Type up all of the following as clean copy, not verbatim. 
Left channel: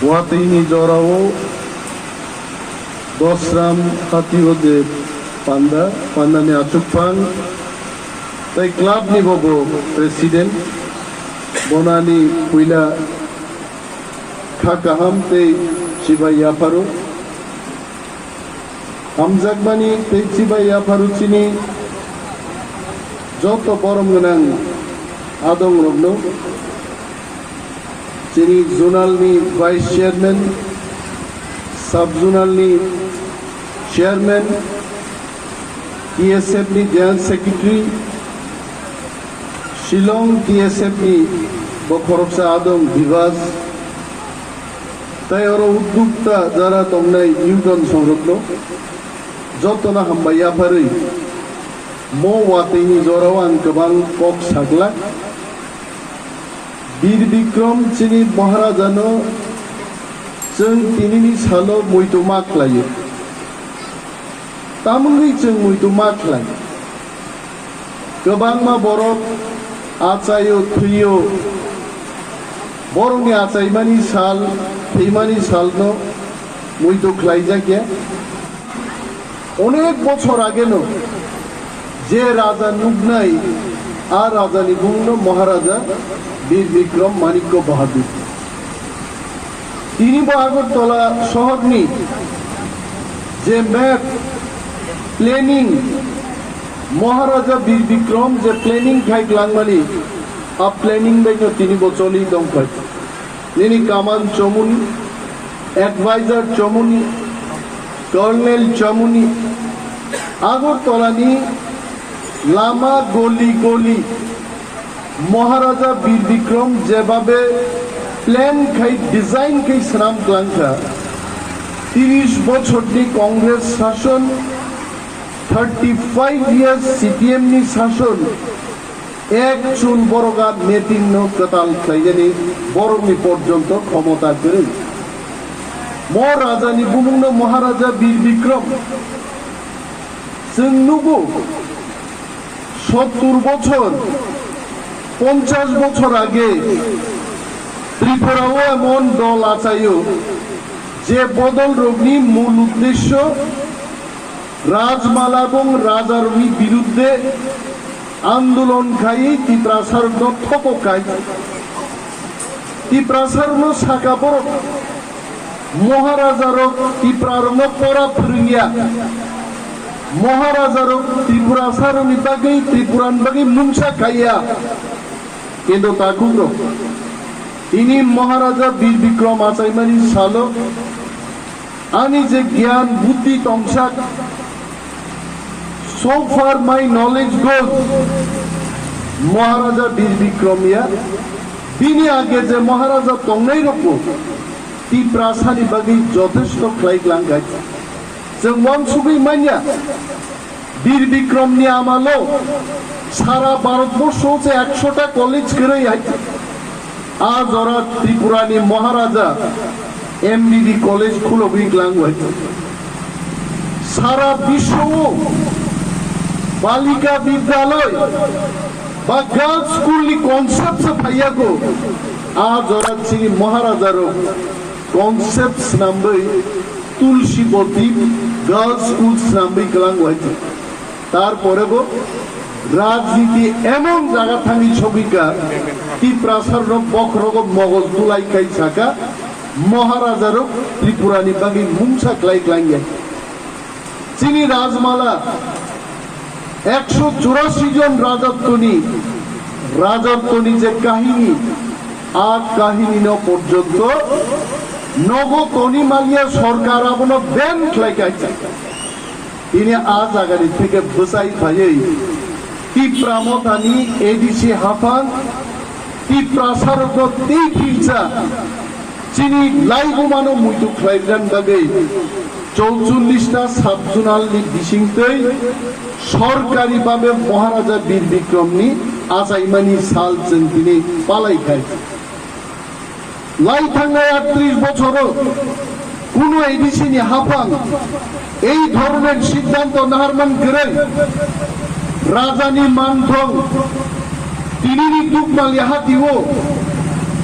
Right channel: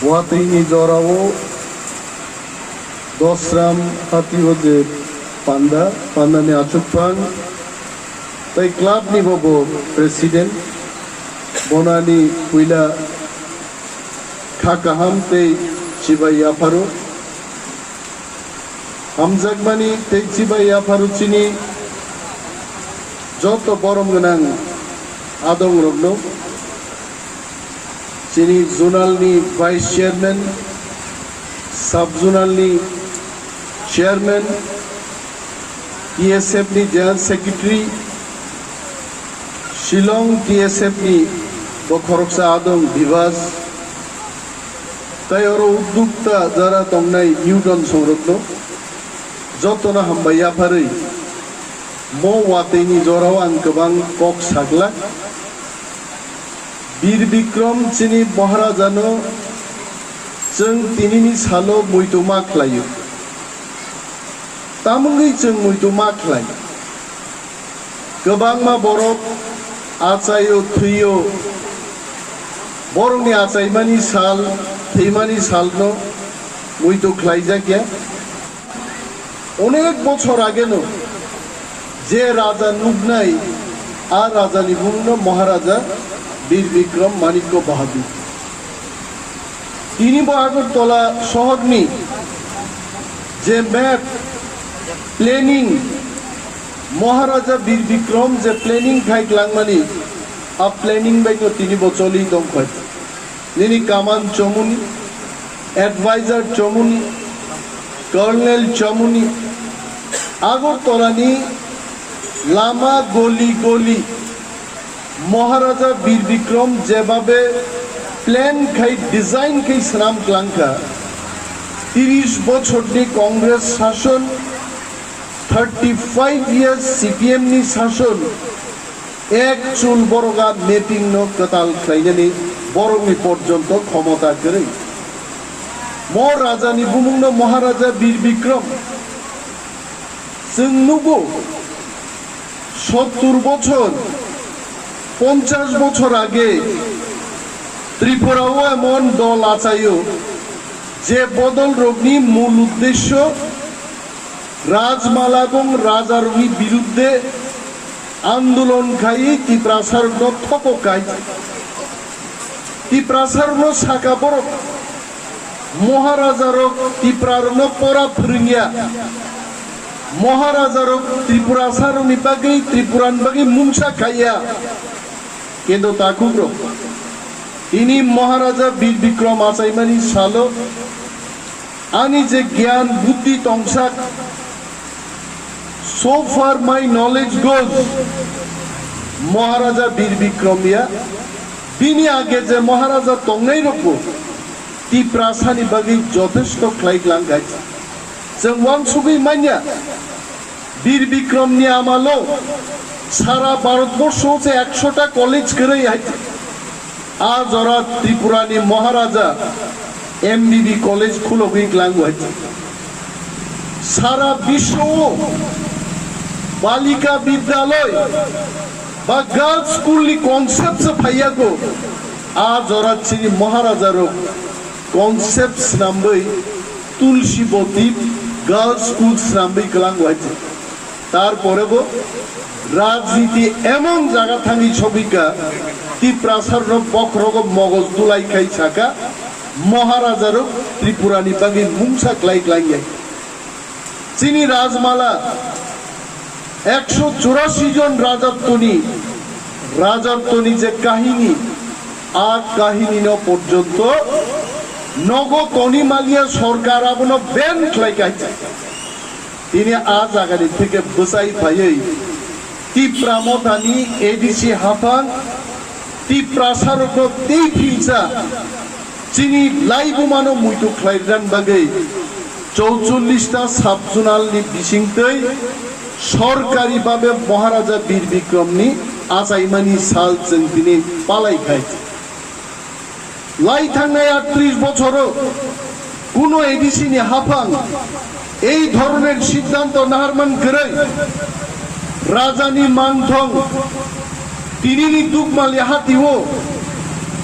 Watini Jorao, Dosram Hati Panda, Pandane Achupang, the club ni bobo president, Bonani Puila Kakaham te Chiba Yaparu, Hamzagmani te Chiba Yaparu Chini, Joto Boromganang Adong Rogno, Chini zonal ni vice chairman, sub zonal ni chairman, TSF ni general secretary, Shillong TSF ni Bokhoroksa Adong Divas, তাই ওরা উদ্যোক্তা যারা তমনাই ইউটন সংরত্ন যতনা হামবাইয়া ফারৈ মো ওয়াতেনি জরাও আং গোबां cock সাগলা বীর বিক্রম চিনি মহারাজানো जों दिनैनि सालो मुइतो माख्लायो तामुंगै जों मुइतो माख्लायो गोबां मा बरफ आचायो थैयो बरफनि आचायमानि साल थैमानि सालनो मुइतो ख्लायजाकिया अनेक बछर आगेनो जे राजा नुगनाय आ राजानि बुंनो महाराजा বীর বিক্রম মানিক্য বাহাদুর তিনি আগরতলা শহরনি যে ম্যাপ প্ল্যানিং মহারাজা বীর বিক্রম যে প্ল্যানিং খাইলাংমানি আ প্ল্যানিং বাইনো তিনি বচলি দংখাই তিনি কামান চমুনি অ্যাডভাইজার চমুনি কর্নেল চমুনি আগরতলানি লামা গলি গলি মহারাজা বীর বিক্রম যেভাবে প্ল্যান খাই ডিজাইন খাই শ্রাম ক্লাঙ্কা 30 বছরনি কংগ্রেস শাসন 35 ইয়ার্স সিপিএম নি শাসন এক চুল বড়গা মেপিং ন কতাল খাইজানি বরংনি পর্যন্ত ক্ষমতা করে রাজানি বুমুংন মহারাজা বীর বিক্রম जों नुगौ 70 বছর 50 বছর আগে ত্রিপুরাও এমন দল আচাইও যে বদল রোগনি মূল উদ্দেশ্য রাজমালা এবং রাজারুনি বিরুদ্ধে আন্দোলন খাই ত্রিপ্রাসার থকাই ত্রিপ্রাসার শাখা বড় মহারাজার ত্রিপুরার পরা ফিরিয়া মহারাজার ত্রিপুরাসার বাকি ত্রিপুরান বাকি মুংসা খাইয়া কিন্তু তাকুগ্র ইনি মহারাজা বীর বিক্রম আচাইমানি সালো আনি যে জ্ঞান বুদ্ধি তংসাক so far my knowledge goes মহারাজা বীর বিক্রমিয়া বিনি আগে যে মহারাজা তংনাই রকম ত্রিপ্রাসানি বাকি যথেষ্ট খাইলাং গাইছে जों वानसुगै मानिया বীর বিক্রম নিয়ে আমালো সারা ভারতবর্ষ যে 100টা কলেজ করে আজ ওরা ত্রিপুরানি মহারাজা এমবিবি কলেজ খুলবি গ্লাং হয়েছে সারা বিশ্ব বালিকা বিদ্যালয় বা গার্লস স্কুল নি কনসেপ্ট ফাইয়া গো আজ ওরা চিনি মহারাজার কনসেপ্ট নামবই তুলসীবতী গার্লস স্কুল নামবই গ্লাং হয়েছে তারপরে গো রাজনীতি এমন জায়গা থাকি ছবিকা ত্রিপ্রাসার বক্রগ মগজ দুলাই খাই থাকা মহারাজার ত্রিপুরানি বাকি মুংসা ক্লাই ক্লাইয়ে চিনি রাজমালা 184 জন রাজত্বনি যে কাহিনী আর কাহিনী পর্যন্ত নগো তনিমালিয়া সরকার আপন ব্যাংক লাইকাইছে তিনি আজ আগাড়ি থেকে বসাই থাই ত্রিপ্রামতানি এডিসি হাফান ত্রিপ্রাসার খিলচা চিনি লাইবুমানো মুইতু খাইরান বাগে 44টা সাব জোনালনি বিসিংতৈ সরকারি ভাবে মহারাজা বীর বিক্রমনি আচাইমানি সাল जों দিনে পালাই খাইছে লাই থাঙ্গায় 38 বছরও কোন এডিসিনি হাফান এই ধরনের সিদ্ধান্ত নাহারমান করেন রাজানি মানথং তিনি দুকমালি হাতিও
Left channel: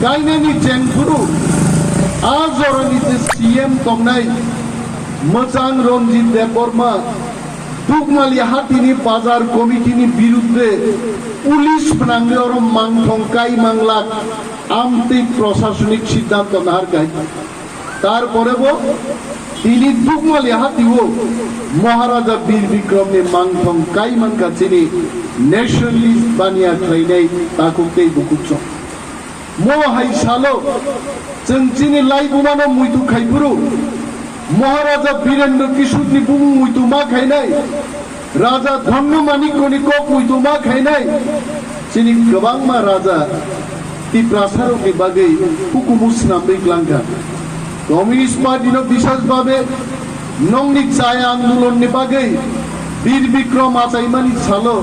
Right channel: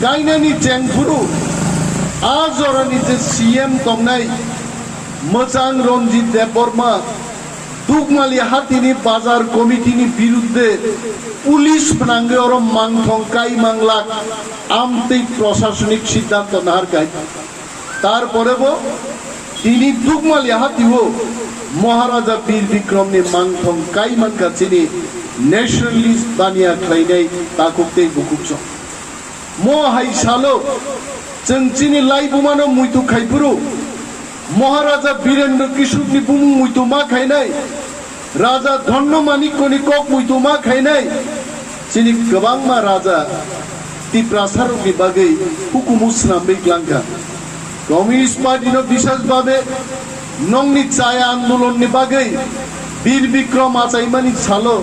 গাইনানি চেনফুরু आज जरानि जे सीएम तंनाय मोजां रंजित देबबर्मा दुगमाली हातिनि बाजार कमिटिनि बिरुद्धे पुलिस फोनांगे और मांगथं काई मांगलाक आमतै प्रशासनिक सिद्धांत नारकाय तारपरेबो তিনি দুগমালি হাতিও মহারাজা বীর বিক্রমনি মাংথং কাইমান কাছিনি ন্যাশনালিস্ট বানিয়া খাইনাই তাকুকতেই বুকুচ মহাই সালো চংচিনি লাইবুমানো মুইতু খাইপুরু মহারাজা বীরেন্দ্র কিশোরনি বুমু মুইতু মা খাইনাই রাজা ধন্য মানিকনি কক মুইতু মা খাইনাই চিনি গোबांमा রাজা তি প্রাসারকনি বাগै হুকুমুসনা বেগলাঙ্গা कम्युनिस्ट पार्टी विशेष भावे नंगनी चाया आंदोलन बागै वीर विक्रम आचाइमानी सालो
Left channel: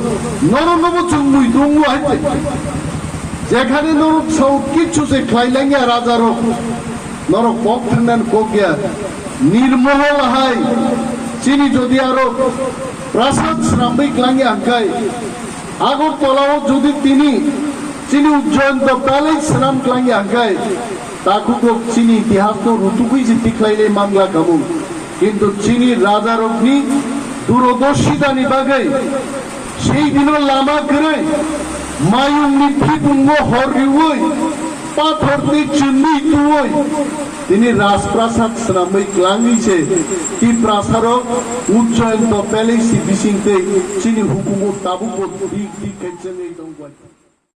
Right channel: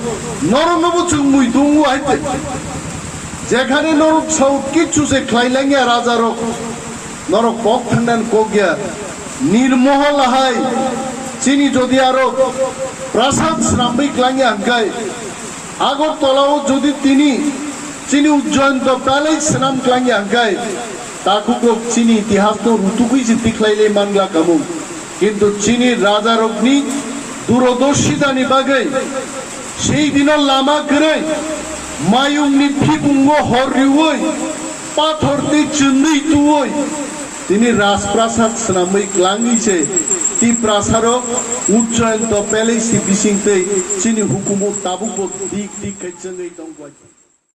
नरनब चुमुई दुंगु आइते जेखाने नरक साउ किच्छु से खाइलांगिया राजा रक नरक पक थांनान कगिया निर्महल हाय चिनी जदि आरो प्रासाद श्राम्बै क्लांगिया हांगाय আগরতলাও যদি তিনি চিনি উজ্জয়ন্ত প্যালেস শ্রাম ক্লাंगिया हांगाय ताकुको चीनी इतिहास तो ऋतुकुई जे दिखलाइले मानला कामु किंतु चीनी राजा रग्नि दूरदर्शिता निबागै সেই দিনের লামা করে মায়ুংনি ফিপুঙ্গ হরিওই পাথরনি চুন্নি তুই তিনি রাজপ্রাসাদ শ্রামই ক্লাঙ্গিছে তি প্রাসার উজ্জয়ন্ত প্যালেসি বিসিংতে চীনি হুকুমত তাবুক দিক দিক খাইছেন এই দংগয়